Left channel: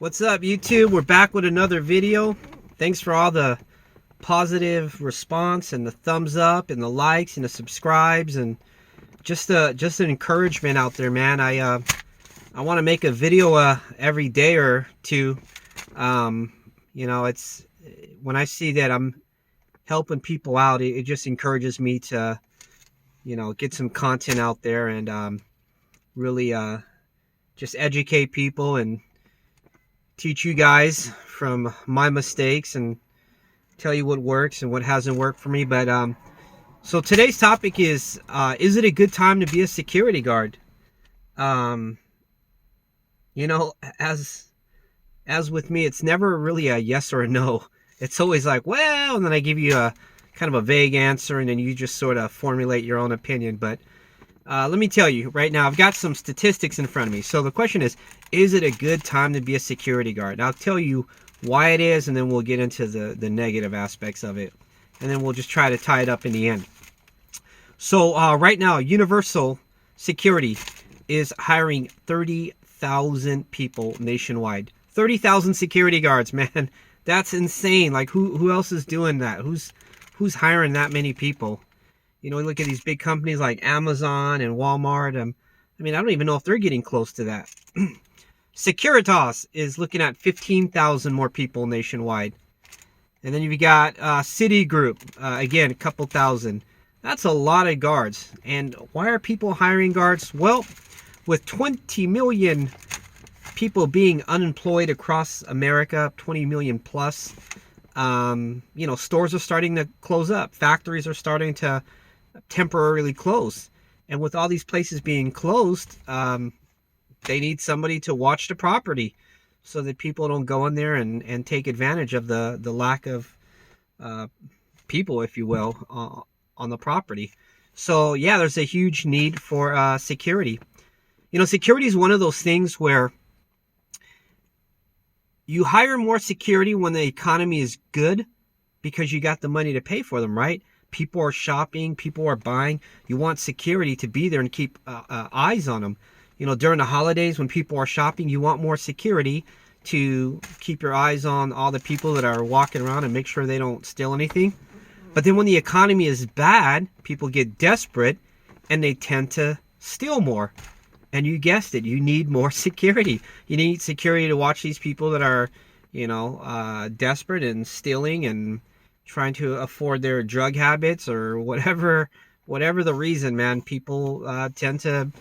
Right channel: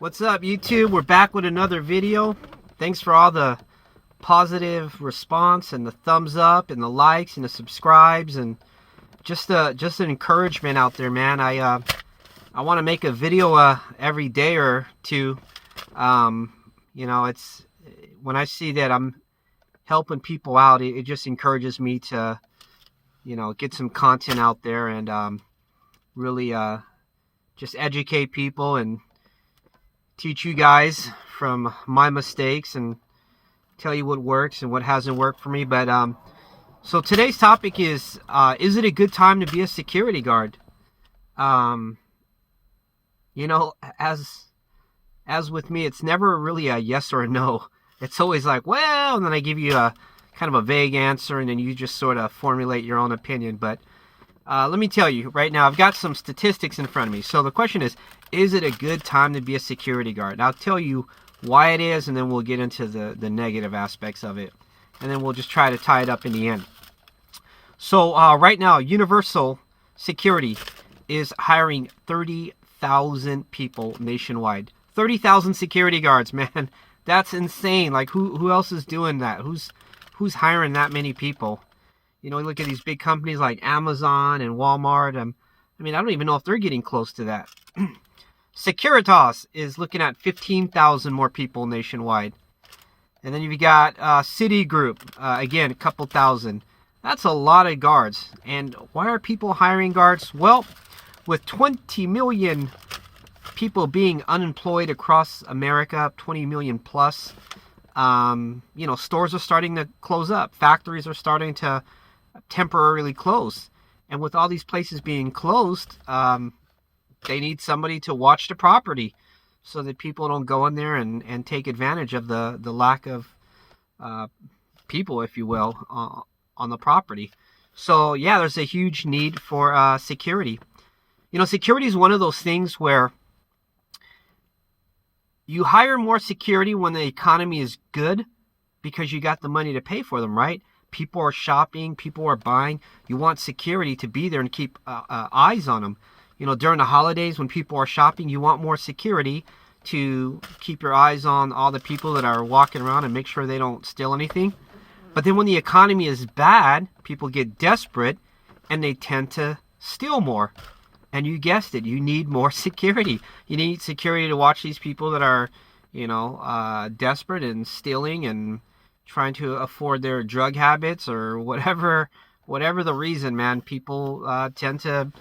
What's up, YouTube? We're back with another video. Thanks for all the positive response and the thumbs up and the likes and the subscribes and just an encouragement out there, man. I want to make a video every day or two. It's when I see that I'm helping people out, it just encourages me to get some content out there and really just educate people and teach you guys from my mistakes and tell you what works and what hasn't worked for me. But so today's topic is it a good time to be a security guard? As with me, it's never really a yes or a no. It's always like, well, and then I give you a kind of a vague answer, and then you just sort of formulate your own opinion. But let me tell you right now, I've got some statistics in front of me. So the question is it a good time to be a security guard? And I'll tell you why it is, and then we'll get into the negative aspects of it. And then we'll just try to tie it up in the end. So right now, Universal Security is hiring 30,000 people nationwide. 30,000 security guards, man. That's insane. Like, who else is doing that? Who's hiring that many people? Look at these big companies like Amazon and Walmart. I don't even know if they're getting close to that. Securitas is looking at 15,000 more people nationwide. And then you've got Citigroup, again, a couple thousand. That's a lot of guards. And why are people hiring guards? Well, with 20 million people being unemployed across America, 20 million plus, stores are starting to close up. Factories are starting to temporarily close. And with all these places being closed, they need somebody to watch the property so that people don't go in there and take advantage of the lack of people, if you will, on the property. So yeah, there's a huge need for security. Security is one of those things where you hire more security when the economy is good because you got the money to pay for them, right? People are shopping, people are buying. You want security to be there and keep eyes on them. During the holidays when people are shopping, you want more security to keep your eyes on all the people that are walking around and make sure they don't steal anything. But then when the economy is bad, people get desperate and they tend to steal more. And you guessed it, you need more security. You need security to watch these people that are, desperate and stealing and trying to afford their drug habits or whatever the reason, man. People tend to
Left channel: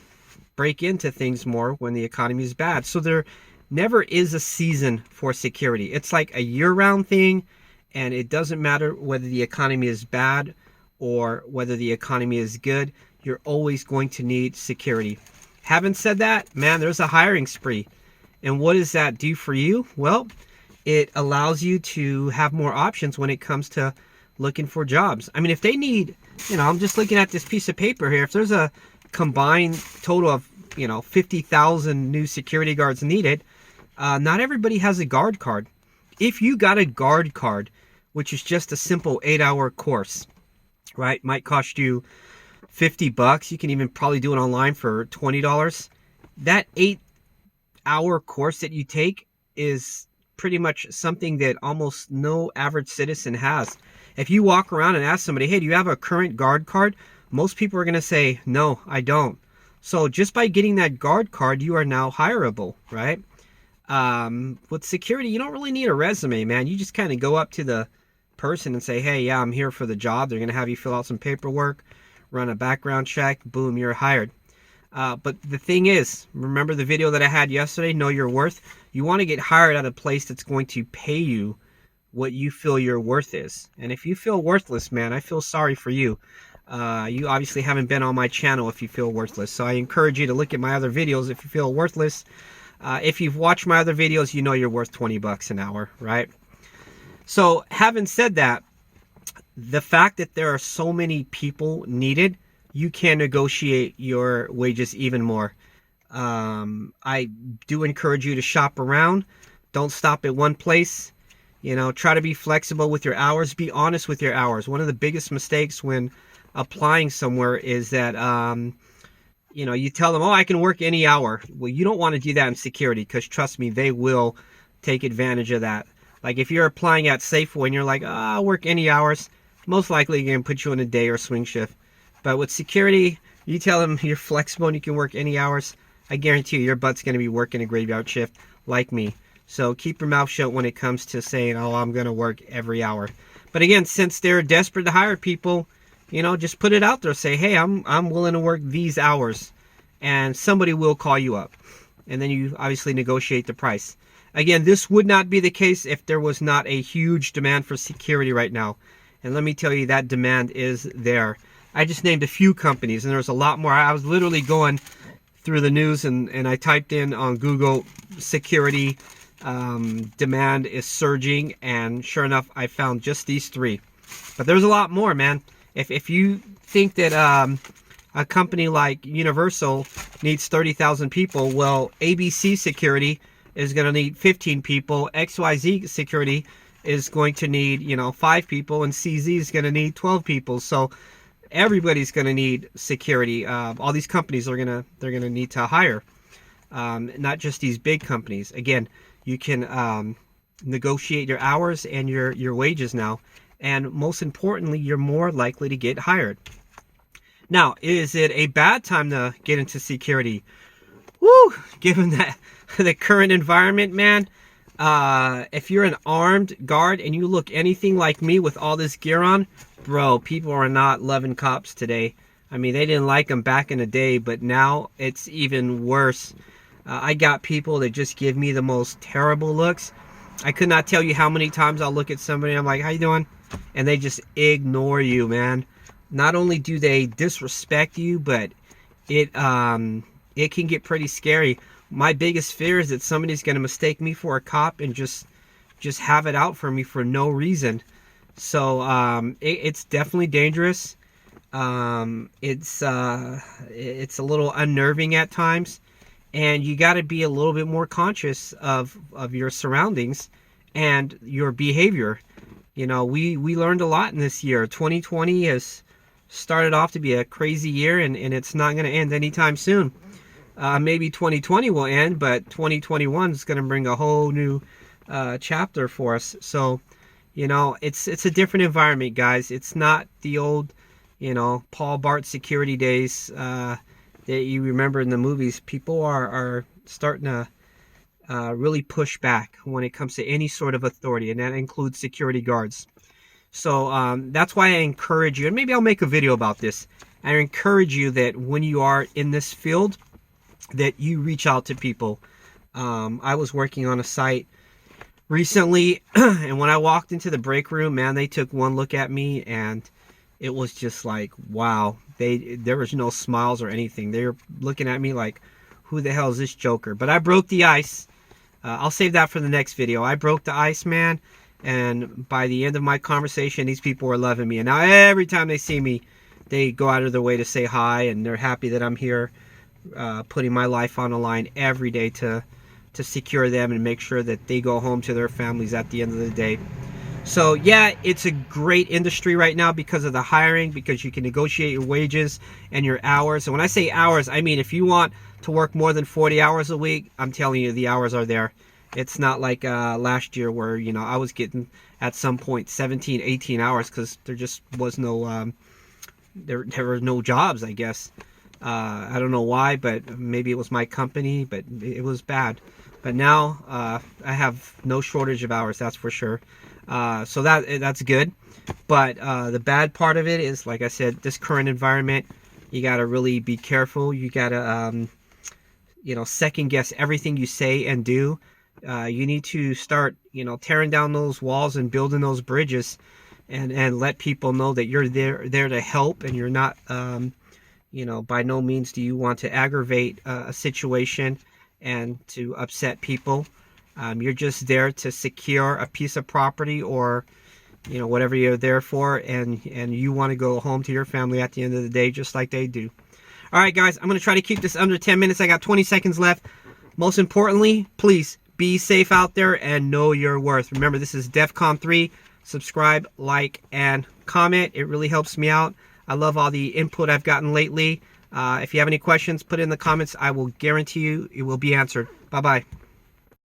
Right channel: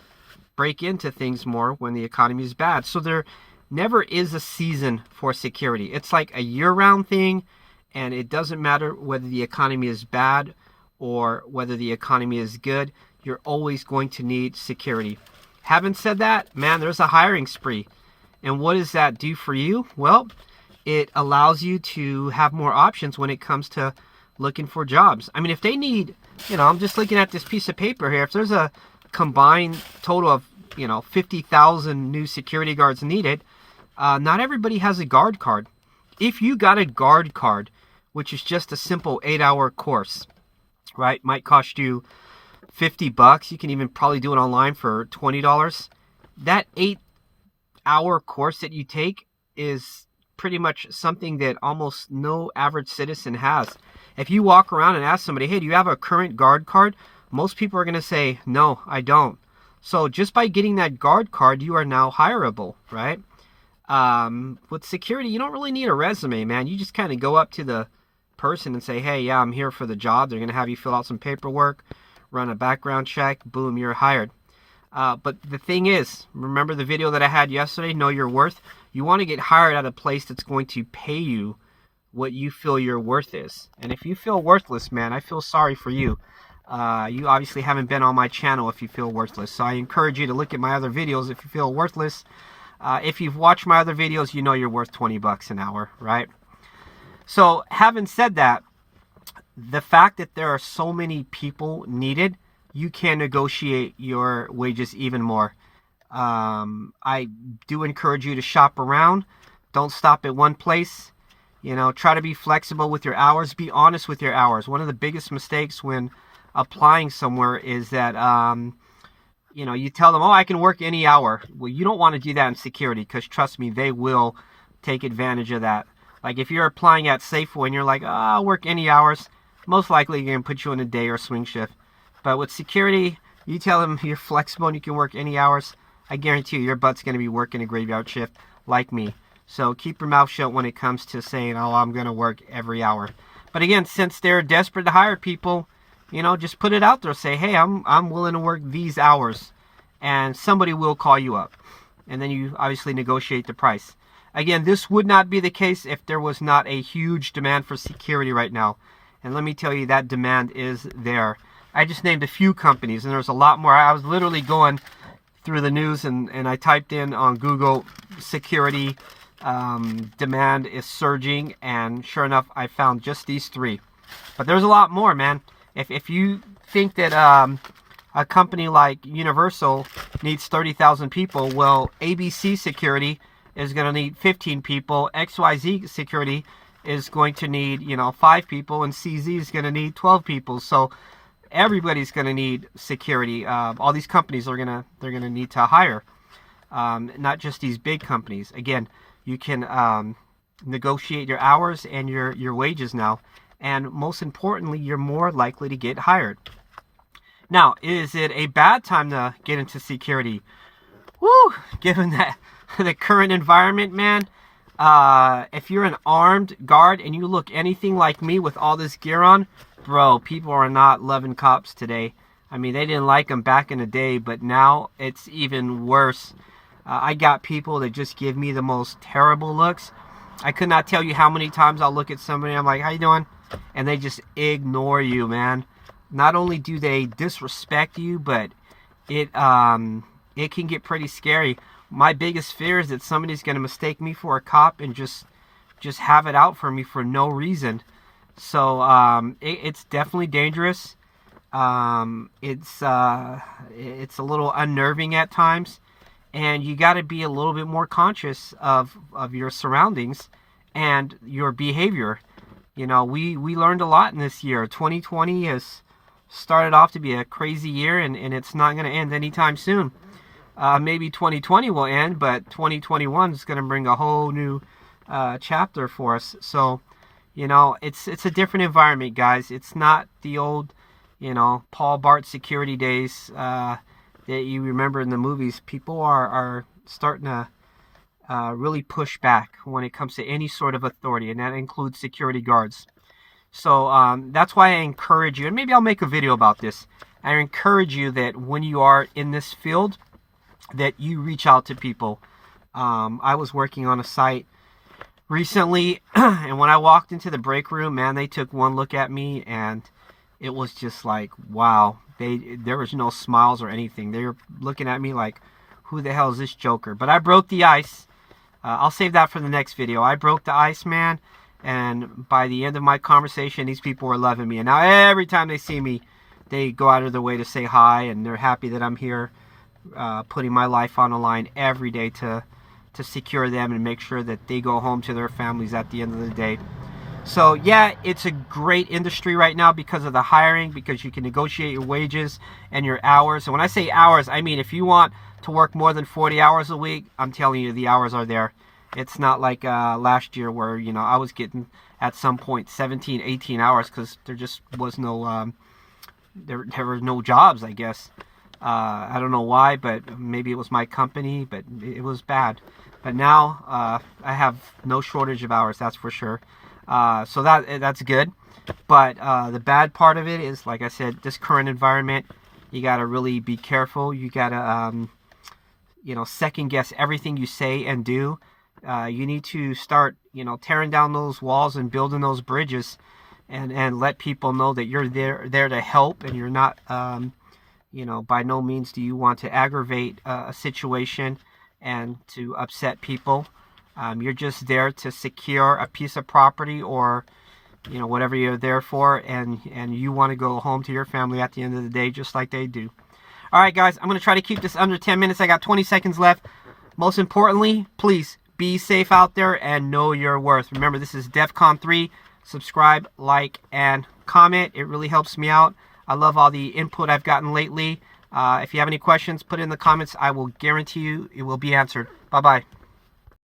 break into things more when the economy is bad. So there never is a season for security. It's like a year-round thing, and it doesn't matter whether the economy is bad or whether the economy is good. You're always going to need security. Having said that, man, there's a hiring spree. And what does that do for you? Well, it allows you to have more options when it comes to looking for jobs. If they need, I'm just looking at this piece of paper here. If there's a combined total of 50,000 new security guards needed, not everybody has a guard card. If you got a guard card, which is just a simple 8-hour course, right, might cost you $50. You can even probably do it online for $20. That 8-hour course that you take is pretty much something that almost no average citizen has. If you walk around and ask somebody, hey, do you have a current guard card? Most people are going to say, no, I don't. So just by getting that guard card, you are now hireable, right? With security, you don't really need a resume, man. You just kind of go up to the person and say, hey, yeah, I'm here for the job. They're going to have you fill out some paperwork, run a background check, boom, you're hired. But the thing is, remember the video that I had yesterday, Know Your Worth? You want to get hired at a place that's going to pay you what you feel your worth is. And if you feel worthless, man, I feel sorry for you. You obviously haven't been on my channel if you feel worthless. So I encourage you to look at my other videos if you feel worthless. If you've watched my other videos, you know you're worth $20 an hour, right? So having said that, the fact that there are so many people needed, you can negotiate your wages even more. I do encourage you to shop around. Don't stop at one place. Try to be flexible with your hours. Be honest with your hours. One of the biggest mistakes when applying somewhere is that you tell them, oh, I can work any hour. Well, you don't want to do that in security, because trust me, they will take advantage of that. Like if you're applying at Safeway and you're like, oh, I'll work any hours, most likely they're going to put you in a day or swing shift. But with security, you tell them you're flexible and you can work any hours, I guarantee you your butt's going to be working a graveyard shift like me. So keep your mouth shut when it comes to saying, oh, I'm going to work every hour. But again, since they're desperate to hire people, you know, just put it out there. Say, hey, I'm willing to work these hours. And somebody will call you up. And then you obviously negotiate the price. Again, this would not be the case if there was not a huge demand for security right now. And let me tell you, that demand is there. I just named a few companies, and there's a lot more. I was literally going through the news, and I typed in on Google, security demand is surging, and sure enough, I found just these three. But there's a lot more, man. If you think that a company like Universal needs 30,000 people, well, ABC Security is going to need 15 people, XYZ Security is going to need, 5 people, and CZ is going to need 12 people. So everybody's going to need security. All these companies they're going to need to hire, not just these big companies. Again, you can negotiate your hours and your wages now, and most importantly, you're more likely to get hired. Now, is it a bad time to get into security? Woo! Given that the current environment, man, if you're an armed guard and you look anything like me with all this gear on, bro, people are not loving cops today. I mean, they didn't like them back in the day, but now it's even worse. I got people that just give me the most terrible looks. I could not tell you how many times I'll look at somebody, I'm like, how you doing? And they just ignore you, man. Not only do they disrespect you, but it can get pretty scary. My biggest fear is that somebody's going to mistake me for a cop and just have it out for me for no reason. So it's definitely dangerous. It's a little unnerving at times, and you got to be a little bit more conscious of your surroundings and your behavior. We learned a lot in this year. 2020 has started off to be a crazy year, and it's not going to end anytime soon. Maybe 2020 will end, but 2021 is going to bring a whole new chapter for us. So, it's a different environment, guys. It's not the old, Paul Bart security days that you remember in the movies. People are starting to really push back when it comes to any sort of authority, and that includes security guards. So that's why I encourage you, and maybe I'll make a video about this. I encourage you that when you are in this field, that you reach out to people. I was working on a site recently, and when I walked into the break room, man, they took one look at me, and it was just like, wow. There was no smiles or anything. They were looking at me like, who the hell is this joker? But I broke the ice. I'll save that for the next video. I broke the ice, man. And by the end of my conversation, these people were loving me. And now every time they see me, they go out of their way to say hi, and they're happy that I'm here, putting my life on the line every day to secure them and make sure that they go home to their families at the end of the day. So yeah, it's a great industry right now because of the hiring, because you can negotiate your wages and your hours. And when I say hours, I mean if you want to work more than 40 hours a week, I'm telling you, the hours are there. It's not like last year where, I was getting at some point 17, 18 hours because there just was no, there were no jobs, I guess. I don't know why, but maybe it was my company, but it was bad. But now I have no shortage of hours, that's for sure. So that's good. But the bad part of it is, like I said, this current environment, you got to really be careful. You got to, second guess everything you say and do. You need to start, tearing down those walls and building those bridges, and let people know that you're there to help, and you're not, by no means do you want to aggravate a situation and to upset people. You're just there to secure a piece of property or, whatever you're there for, and you want to go home to your family at the end of the day, just like they do. All right, guys, I'm going to try to keep this under 10 minutes. I got 20 seconds left. Most importantly, please be safe out there and know your worth. Remember, this is DEFCON 3. Subscribe, like, and comment. It really helps me out. I love all the input I've gotten lately. If you have any questions, put it in the comments. I will guarantee you it will be answered. Bye-bye.